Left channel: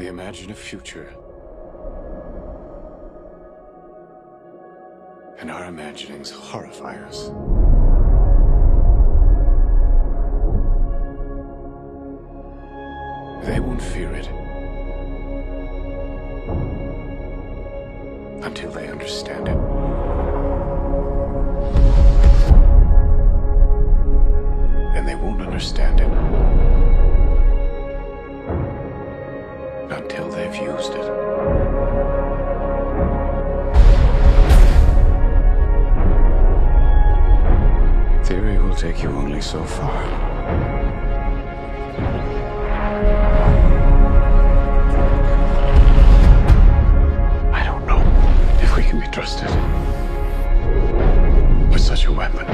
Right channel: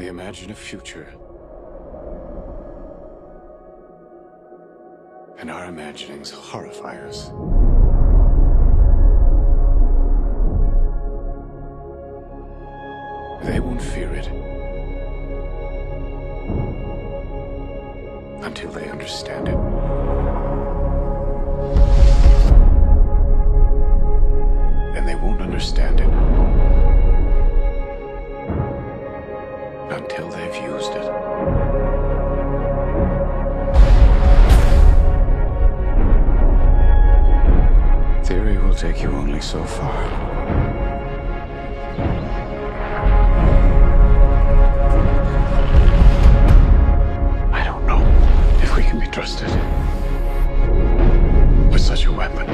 We imagine a future. And our imaginings horrify us. They won't fear it until they understand it. And they won't understand it until they've used it. Theory will take you only so far. I don't know if we can be trusted with such a weapon.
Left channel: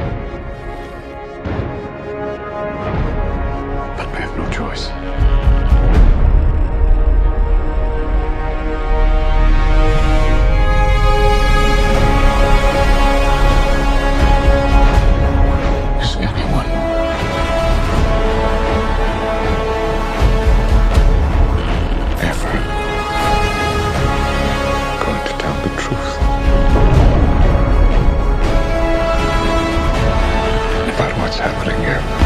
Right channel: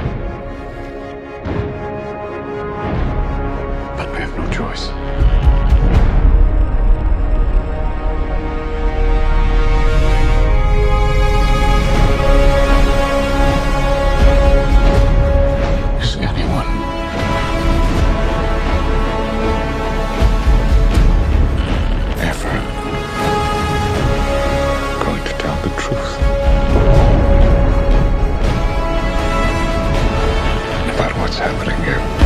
But we have no choice. Is anyone ever going to tell the truth about what's happening here?